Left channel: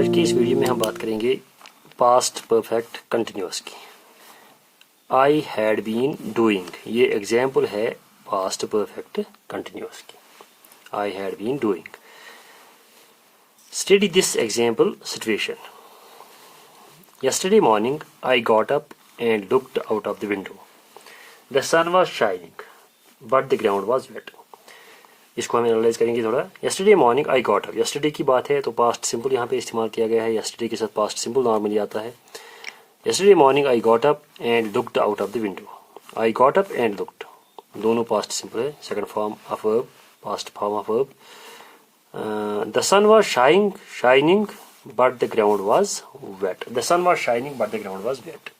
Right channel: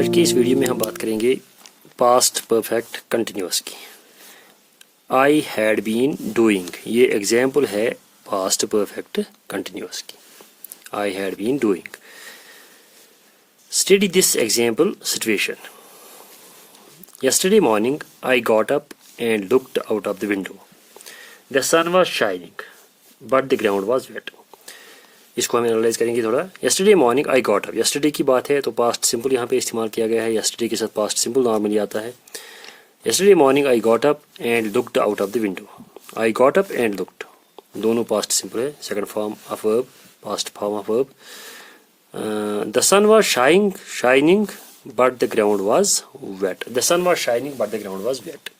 آج کی اس ویڈیو میں ہم بات کریں گے پاسٹ پرفیکٹ کنٹینیوس کی. آئی ہیڈ بین ڈوئنگ، یہ ایگزامپل ہے پاسٹ پرفیکٹ کنٹینیوس کی. I had been doing. Study this example situation. Yesterday morning, I got up and looked out of the window. The sun was shining, but the ground was wet. اس کو ہم analyse کریں گے تھوڑا. Yesterday morning, I got up. Yesterday کی بات ہے تو past simple یہاں پہ استعمال کیا گیا ہے. Yesterday کے ساتھ پاسٹ سمپل نارملی آتا ہے. Yesterday morning, I got up and looked out of the window. I got up and looked. دونوں پاسٹ سمپل ہے. Second form of verb, past form of verb. The sun was shining, but the ground was wet. The sun was shining, but the ground was wet.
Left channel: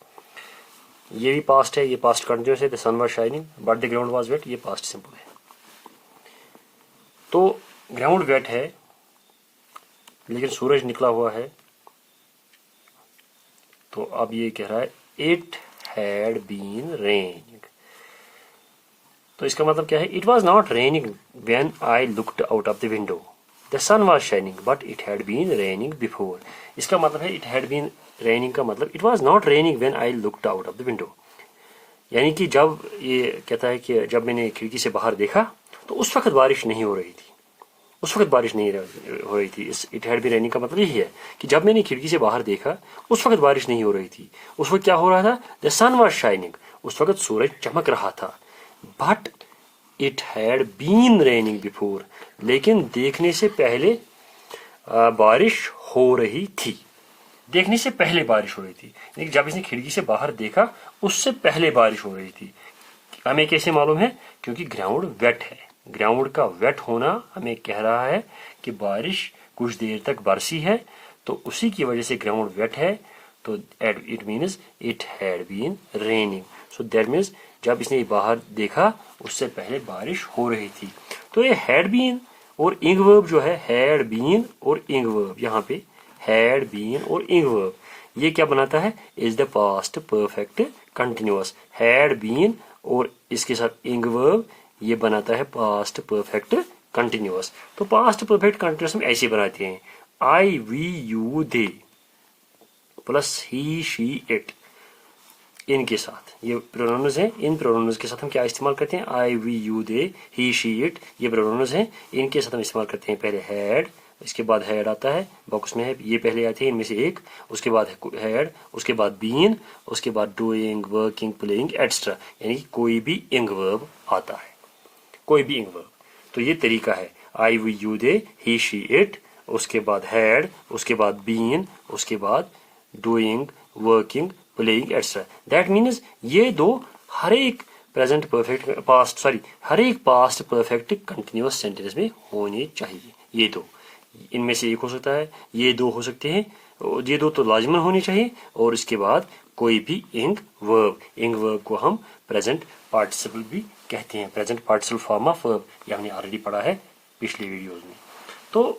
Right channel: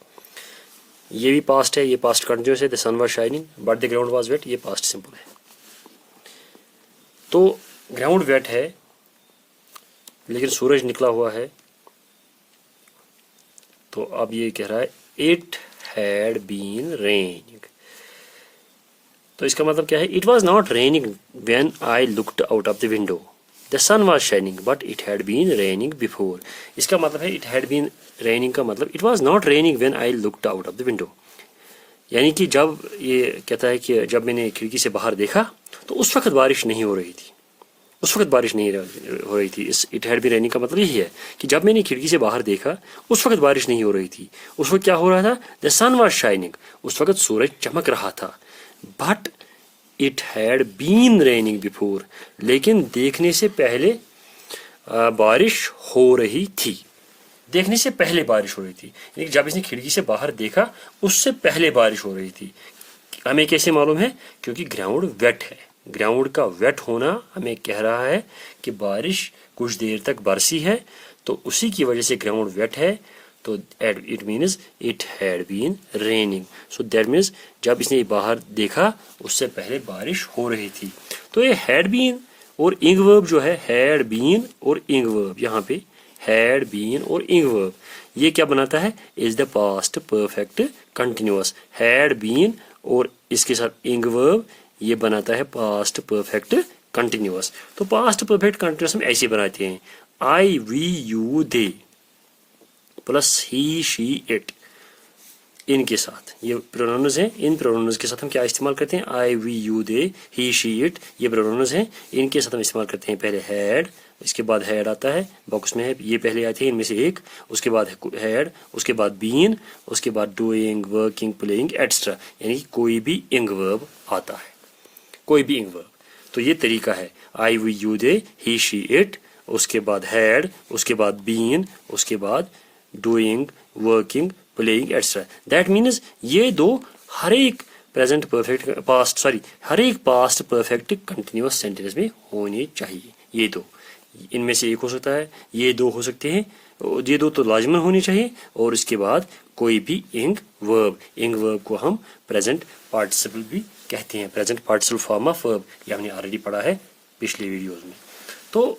یہ بھی past ہے, یہ past continuous ہے. The sun was shining, but the ground was wet. یہ past simple ہے. تو ground wet ہے لیکن سورج نکلا ہوا ہے. تو اب یہ کہہ رہا ہے اٹ ہیڈ بین ریننگ. تو اس کا مطلب کیا ہے؟ It was not raining when I looked out of the window. The sun was shining but it had been raining before. اس کا مطلب ہے اٹ ہیڈ بین ریننگ کا مطلب it was not raining when I looked out of the window. یعنی کہ جب یہ کہتا ہے کہ جب میں نے کھڑکی سے باہر دیکھا تو اس وقت بارش نہیں ہو رہی تھی. اس وقت بارش نہیں ہو رہی تھی. Us it had been raining کا مطلب یہی ہے کہ جب میں نے کھڑکی سے باہر دیکھا اس وقت بارش نہیں ہو رہی تھی. اس وقت کیا ہو رہا تھا؟ دا سن واز شائننگ. اس وقت سورج چمک رہا تھا. But it had been raining before. لیکن دیکھنے سے پہلے بارش ہو رہی تھی. دیکھنے سے پہلے بارش ہو رہی تھی. لیکن جب اس نے کھڑکی سے باہر دیکھا اس سے پہلے بارش ہو رہی تھی. ہمیں کیسے معلوم ہے؟ کیونکہ گراؤنڈ ویٹ ہے. گراؤنڈ کا ویٹ ہونا ہمیں کہہ رہا ہے کہ بارش کچھ دیر تک برسی ہے تو اسی کی وجہ سے گراؤنڈ ویٹ ہے. تو it means it had been raining. So that means جب اس نے باہر دیکھا اس سے پہلے بارش ہو رہی تھی. تو یہ ہیڈ بین اور انگ ورب جو ہے, ہیڈ بین اور انگ ورب, یہاں پہ ہیڈ بین اور انگ ورب یہ کیا بناتا ہے؟ Is the past perfect continuous. Had been اور اس کے ساتھ انگ ورب یہ بناتا ہے پاسٹ پرفیکٹ کنٹینیوس. تو پاسٹ پرفیکٹ کنٹینیوس ہم ایسے بناتے ہیں I we you they plus he she it ان کے ساتھ. یہ پروناؤنز ہیں. ان پروناؤنز کے ساتھ ہم کیا استعمال کرتے ہیں؟ I we you they he she it یہ پروناؤنز ہیں. ان کے ساتھ ہم استعمال کرتے ہیں پہلے ہیڈ, اس کے بعد ہیڈ آتا ہے باکس میں ہے, یہ پہلے آتے ہیں ان میں سے ایک, اس کے بعد ہیڈ, اس کے بعد بین, اس کے بعد ڈوئنگ, ورکنگ, پلئنگ ایٹسٹرا. یعنی کہ کوئی بھی انگ ورب آتا ہے, کوئی بھی انگ ورب. تو یہ طریقہ ہے آئی we you they he she it, اس کے بعد ہیڈ, اس کے بعد بین, اس کے بعد doing, working, playing etcetera. That means یہ دو ہر ایک پریزنٹ پرفیکٹ ہر ایک پاسٹ پرفیکٹ کنٹینیوس سینٹینس میں ہونے چاہیے. یہ دو ان میں سے ایک ہو سکتا ہے, یہ دو ہو سکتے ہیں, یہ دو تو لازمن ہونے چاہیے. اور اس کے بعد کوئی بھی انگ ورب کو ہم پریزنٹ پارٹیسپل بھی کہتے ہیں. Present participle form of verb یہ ہم نے آلریڈی پڑھا ہے پچھلی ویڈیوز میں. تو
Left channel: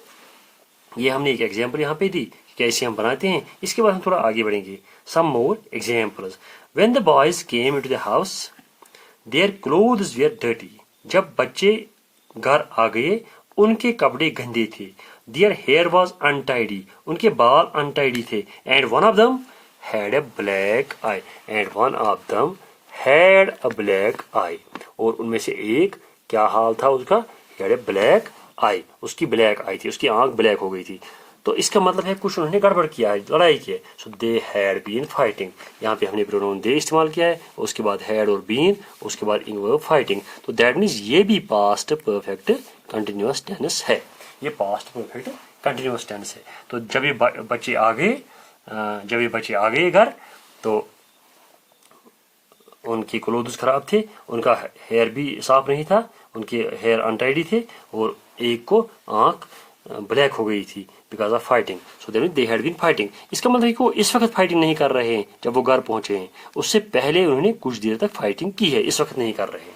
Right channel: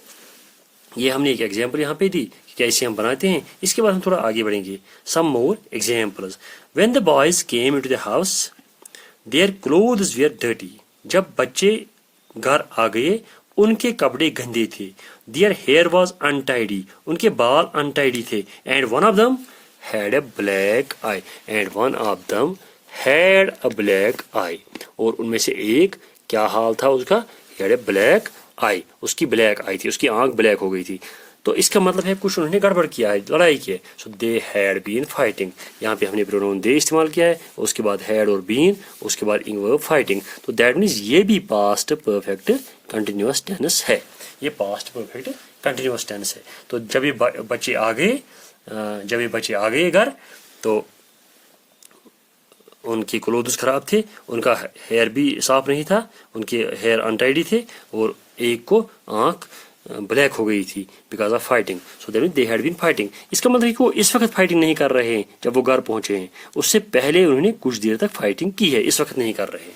یہ ہم نے ایک ایگزامپل یہاں پہ دی کہ کیسے ہم بناتے ہیں. اس کے بعد ہم تھوڑا آگے بڑھیں گے. Some more examples. When the boys came into the house their clothes were dirty. جب بچے گھر آ گئے ان کے کپڑے گندے تھے. Their hair was untidy. ان کے بال انٹائڈی تھے. And one of them had a black eye. And one of them had a black eye. اور ان میں سے ایک کیا حال تھا اس کا؟ ہیڈ اے بلیک آئی. اس کی بلیک آئی تھی, اس کی آنکھ بلیک ہو گئی تھی. تو اس کا مطلب ہے کچھ انہوں نے گڑبڑ کیا ہے, لڑائی کی ہے. سو دے ہیڈ بین فائٹنگ. یہاں پہ ہم نے پروناؤن دے استعمال کیا ہے, اس کے بعد ہیڈ اور بین, اس کے بعد انگ ورب فائٹنگ. تو دیٹ مینز یہ بھی پاسٹ پرفیکٹ کنٹینیوس ٹینس ہے. یہ پاسٹ پرفیکٹ کنٹینیوس ٹینس ہے. تو جب یہ بچے آ گئے گھر تو ان کی کلوتھز خراب تھے, ان کا ہیئر بھی صاف نہیں تھا, ان کے ہیئر انٹائڈی تھے, اور ایک کو آنکھ بلیک ہو گئی تھی because of fighting. So that they had been fighting. اس کا مطلب ہے کہ وہ اس وقت فائٹنگ نہیں کر رہے ہیں جب وہ گھر پہنچے ہیں, اس سے پہلے انہوں نے کچھ دیر تک فائٹنگ کی ہے, اس وقت نہیں کر رہے.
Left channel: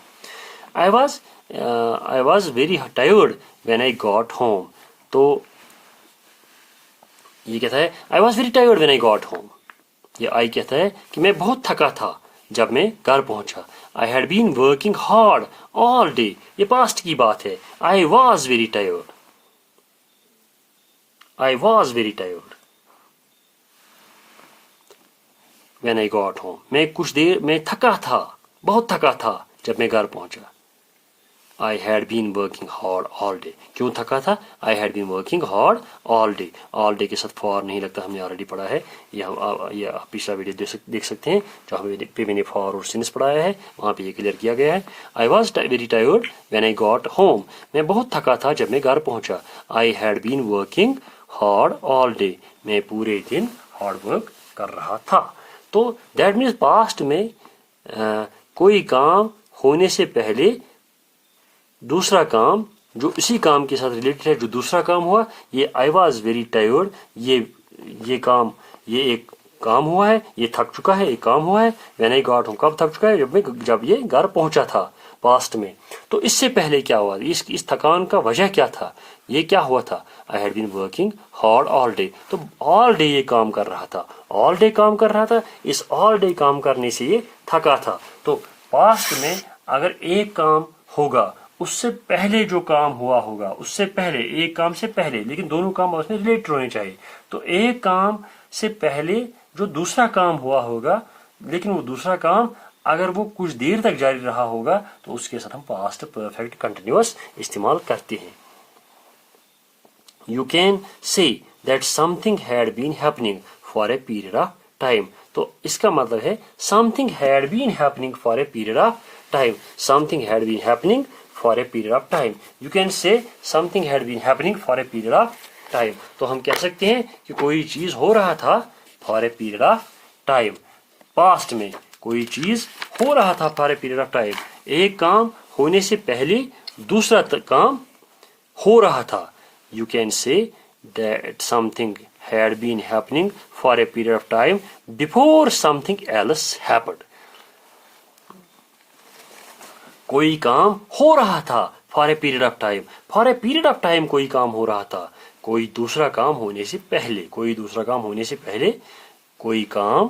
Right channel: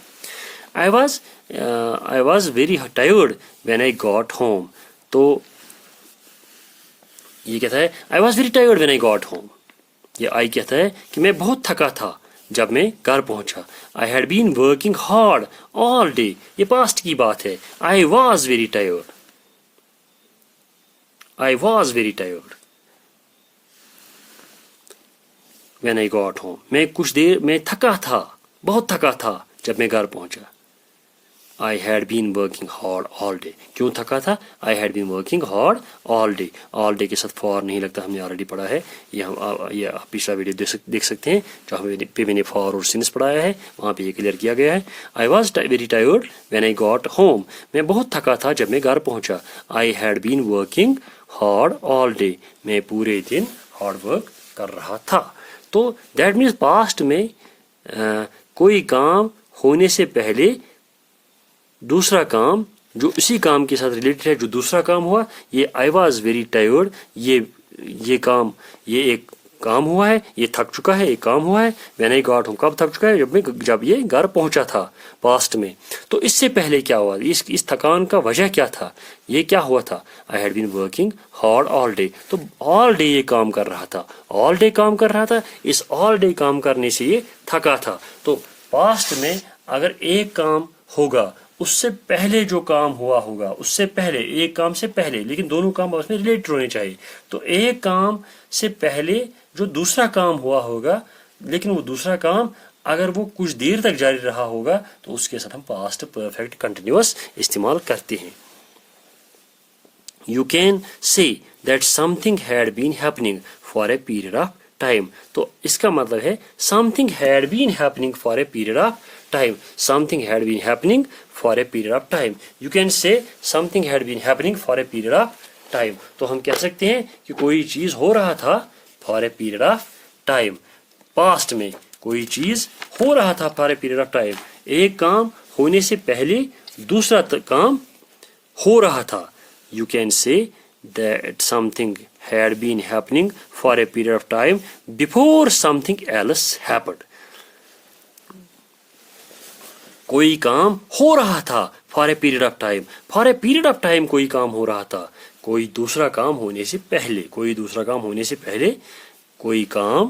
I was very tired when I got home. تو یہ کہتا ہے I was very tired when I got home. یہ آئی کہتا ہے کہ میں بہت تھکا تھا جب میں گھر پہنچا. I had been working hard all day. یہ پاسٹ کی بات ہے. I was very tired. when I got home. मैं थका था, बहुत थका था जब मैं घर पहुंचा. I had been working hard all day. क्यों थका था? I had been working hard all day. All day के साथ for नहीं लगता, हमने ऑलरेडी पढ़ा है. ये आप पिछला वीडियो देख सकते हैं जहाँ पे मैंने for और since पढ़ाया है, वहाँ पे ये क्लियर किया गया है. I was very tired when I got home. मैं बहुत थका था जब मैं घर पहुँचा. I had been working hard all day. मैं पूरे दिन hard work कर रहा था. तो that means past में कोई काम होने से पहले दूसरा काम जो इसी काम के साथ रिलेटेड है, जो दूसरा काम हुआ, ये आई वॉज वेरी टायर्ड, ये काम, ये एक काम हुआ है, ये थक चुका है, एक काम हुआ है. व्हेन आई गॉट होम, कब थक चुका है? जब ये घर पहुंचा था पास्ट में. तो इससे पहले क्या हुआ? इस थकान का वजह क्या था? ये क्या हुआ था? I had been working hard all day. तो ऑल डे ये काम कर रहा था, ऑल डे काम कर रहा था. इस ऑल डे काम करने से ये थका था. तो पास्ट में अगर एक काम होगा, उससे पहले जो काम हुआ होगा, उससे पहले, एक काम से पहले, लेकिन दोनों काम उसमें रिलेटेड होने चाहिए. तो एक काम से पहले जो दूसरा काम हुआ होगा, लेकिन वो दूसरा काम अगर वो कुछ देर तक जारी रहा होगा, तो उसके साथ हम पास्ट परफेक्ट कंटिन्यूअस इस्तेमाल करते हैं. You can say that something had been happening for a period of time. तो इसका मतलब है something had been happening for a period of time. Something had been happening for a period of time. You can say something had been happening for a period of time. तो हम कह सकते हैं कि कोई चीज हो रहा था for a period of time. Past में कोई चीज हो रहा था for a period of time. एक काम होने से पहले दूसरा काम हो रहा था. You can say that something had been happening for a period of time before something else happened. कोई काम हो रहा था for a period of time. For a period of time कोई काम हो रहा था, कोई दूसरा काम होने से पहले, कोई दूसरा काम होने से पहले कोई काम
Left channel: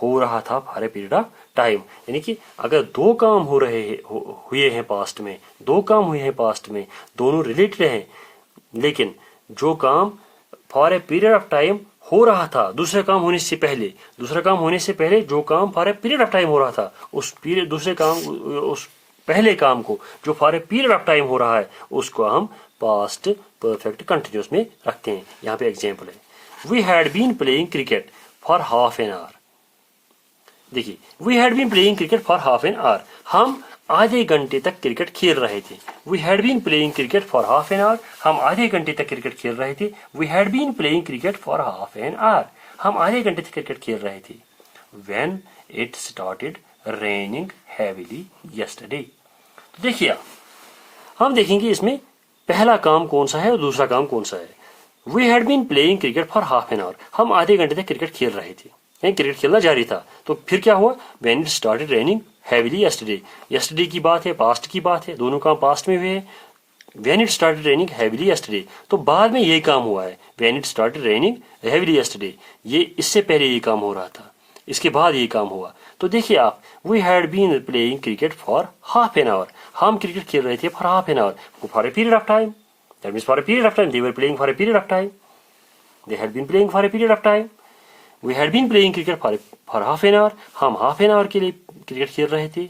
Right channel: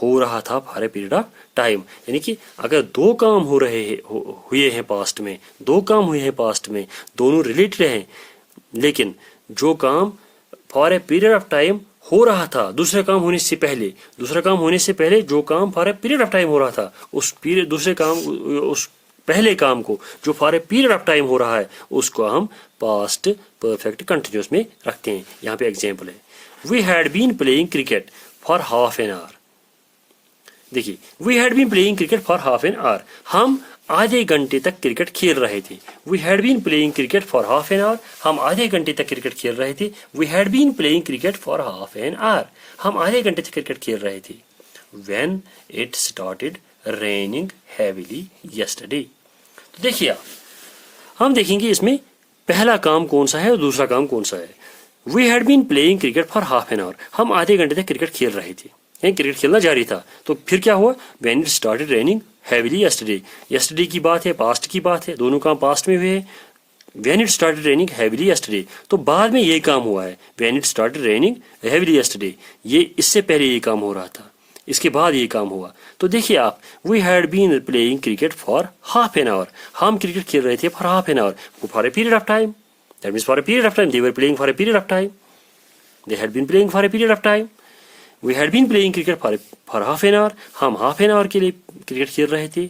हो रहा था for a period of time. यानी कि अगर दो काम हुए हैं पास्ट में, दो काम हुए हैं पास्ट में, दोनों रिलेटेड हैं, लेकिन जो काम for a period of time हो रहा था दूसरे काम होने से पहले, दूसरा काम होने से पहले जो काम for a period of time हो रहा था, उस पहले काम को जो for a period of time हो रहा है, उसको हम पास्ट परफेक्ट कंटिन्यूअस में रखते हैं. यहाँ पे एग्जांपल है, we had been playing cricket for half an hour. देखिए, we had been playing cricket for half an hour, हम आधे घंटे तक क्रिकेट खेल रहे थे. We had been playing cricket for half an hour, हम आधे घंटे तक क्रिकेट खेल रहे थे. We had been playing cricket for half an hour, हम आधे घंटे तक क्रिकेट खेल रहे थे. When it started raining heavily yesterday. तो देखिए आप, हम देखेंगे इसमें पहला काम कौन सा है और दूसरा काम कौन सा है. We had been playing cricket for half an hour, हम आधे घंटे तक क्रिकेट खेल रहे थे, क्रिकेट खेलना जारी था. तो फिर क्या हुआ? When it started raining heavily yesterday. Yesterday की बात है, पास्ट की बात है, दोनों काम पास्ट में हुए हैं. When it started raining heavily yesterday, तो बाद में ये काम हुआ है. When it started raining heavily yesterday, ये इससे पहले ये काम हो रहा था, इसके बाद ये काम हुआ. तो देखिए आप, we had been playing cricket for half an hour, हम क्रिकेट खेल रहे थे for half an hour, for a period of time. That means for a period of time, they were playing for a period of time, they had been playing for a period of time. We had been playing cricket for half an hour, हम half an hour के लिए cricket खेल रहे थे.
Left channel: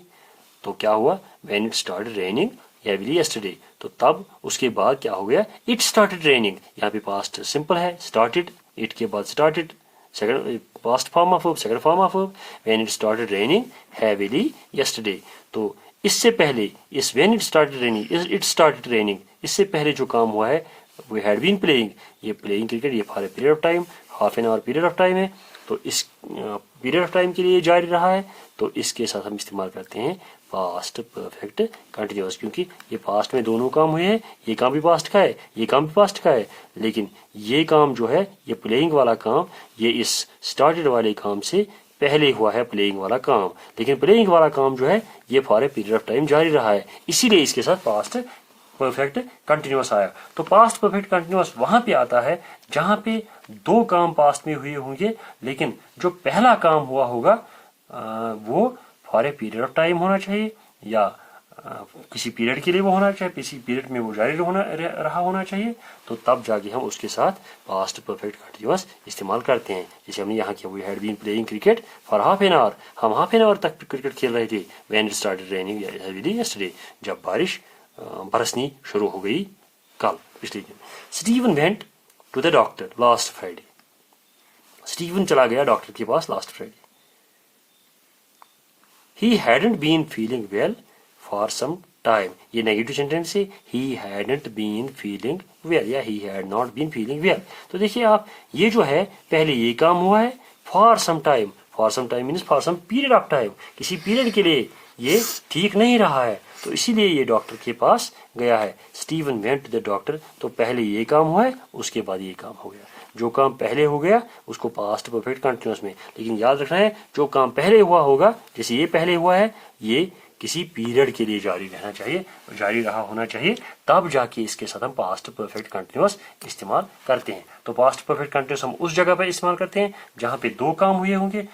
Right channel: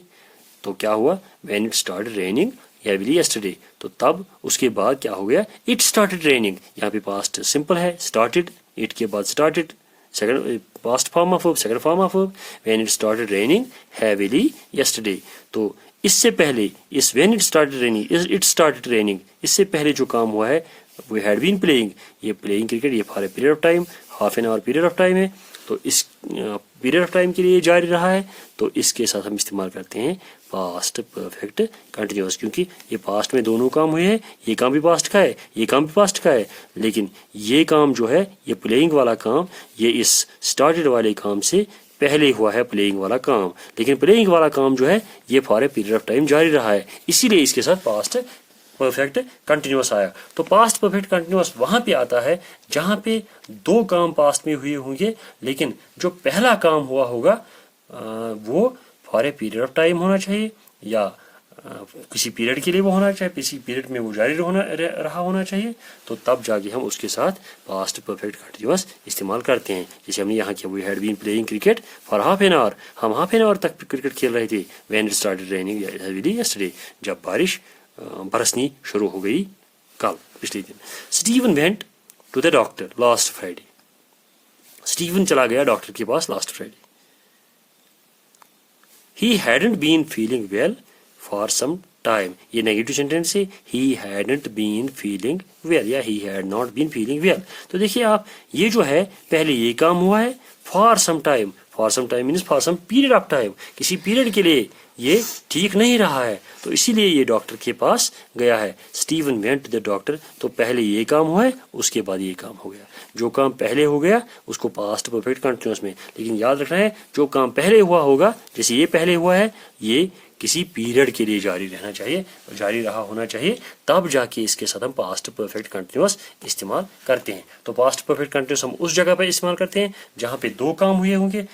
तो क्या हुआ? When it started raining heavily yesterday, तो तब उसके बाद क्या हो गया? It started raining. यहाँ पे पास्ट सिंपल है, स्टार्टेड, इट के बाद started, second past form of verb, second form of verb. When it started raining heavily yesterday, तो इससे पहले इस when it started raining, it started raining, इससे पहले जो काम हुआ है वी हैड बीन प्लेइंग, ये प्लेइंग क्रिकेट, ये for a period of time, half an our period of time है. तो इस पीरियड ऑफ टाइम के लिए जारी रहा है, तो इसके साथ हम इस्तेमाल करते हैं पास्ट परफेक्ट कंटिन्यूअस, क्योंकि ये पास्ट में दोनों काम हुए हैं. ये काम भी पास्ट का है, ये काम भी पास्ट का है, लेकिन ये काम जो है, ये प्लेइंग वाला काम, ये इस स्टार्टेड वाले काम से पहले हुआ है प्लेइंग वाला काम. लेकिन प्लेइंग वाला काम जो है, ये for a period of time जारी रहा है, इसीलिए इसके साथ पास्ट परफेक्ट कंटिन्यूअस आया. तो पास्ट परफेक्ट कंटिन्यूअस वहां पे आता है जहां पे दो काम पास्ट में हुए होंगे, लेकिन जो पहला काम हुआ होगा वो for a period of time होना चाहिए, या किसी पीरियड के लिए वो होना चाहिए, किसी पीरियड में वो जारी रहा होना चाहिए, तो तब जाके हम उसके साथ पास्ट परफेक्ट कंटिन्यूअस इस्तेमाल करते हैं. जैसे हमने यहाँ किया, we had been playing cricket for half an hour, हम हाफ एन आवर तक क्रिकेट खेल रहे थे. When it started raining heavily yesterday, जब बारिश बरसनी शुरू हो गई कल, पिछले दिन. Steven went to the doctor last Friday, Steven चला गया डॉक्टर के पास last Friday. He hadn't been feeling well for some time, ये नेगेटिव सेंटेंस है. He hadn't been feeling well या ही had not been feeling well. तो देखिए आप, ये जो है पहले ये काम हुआ है for some time. For some time means for some period of time, किसी पीरियड के लिए ये ठीक नहीं रहा है, तो इसीलिए ये डॉक्टर के पास गया है. Steven went to the doctor, तो पहले ये काम हुआ है, उसके बाद ये काम हो गया. जो काम पहले हो गया उसको पास्ट परफेक्ट कंटिन्यूअस में, लेकिन याद रखना है जो काम पहले हुआ होगा, जैसे ये पहले हुआ है, ये किसी पीरियड के लिए जारी रहना चाहिए, जारी रहा होना चाहिए, तब जाके इसके साथ हम पास्ट परफेक्ट कंटिन्यूअस इस्तेमाल करते हैं. तो पास्ट परफेक्ट कंटिन्यूअस हम उस जगह पर इस्तेमाल करते हैं जहाँ पे दो काम हुए होंगे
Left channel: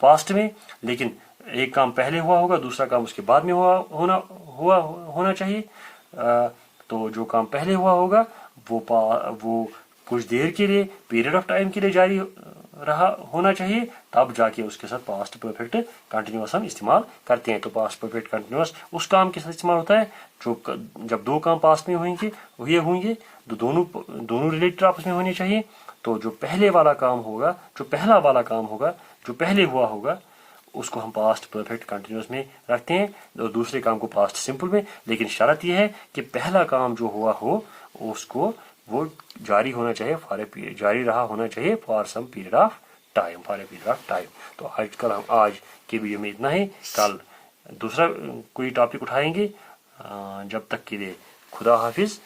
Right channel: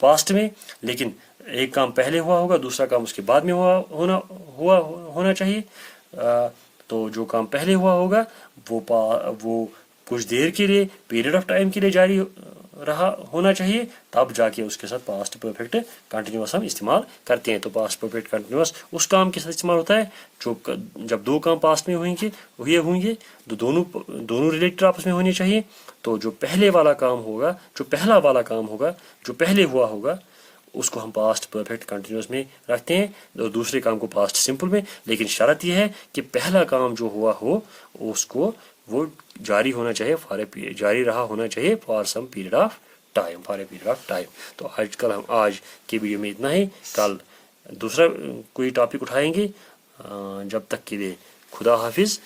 पास्ट में, लेकिन एक काम पहले हुआ होगा, दूसरा काम उसके बाद में होना चाहिए. तो जो काम पहले हुआ होगा वो कुछ देर के लिए, पीरियड ऑफ टाइम के लिए जारी रहा होना चाहिए, तब जाके उसके साथ पास्ट परफेक्ट कंटिन्यूअस हम इस्तेमाल करते हैं. तो पास्ट परफेक्ट कंटिन्यूअस उस काम के साथ इस्तेमाल होता है जो जब दो काम पास्ट में होंगे तो दोनों रिलेटेड आपस में होने चाहिए. तो जो पहले वाला काम होगा, जो पहला वाला काम होगा, जो पहले हुआ होगा, उसको हम पास्ट परफेक्ट कंटिन्यूअस में रखते हैं और दूसरे काम को पास्ट सिंपल में. लेकिन शर्त यह है कि पहला काम जो हुआ हो उसको वो जारी होना चाहिए, जारी रहा होना चाहिए for some period of time, for a period of time. तो आज के वीडियो में इतना ही. कल दूसरा कोई टॉपिक उठाएंगे. जब तक के लिए खुदा हाफिज.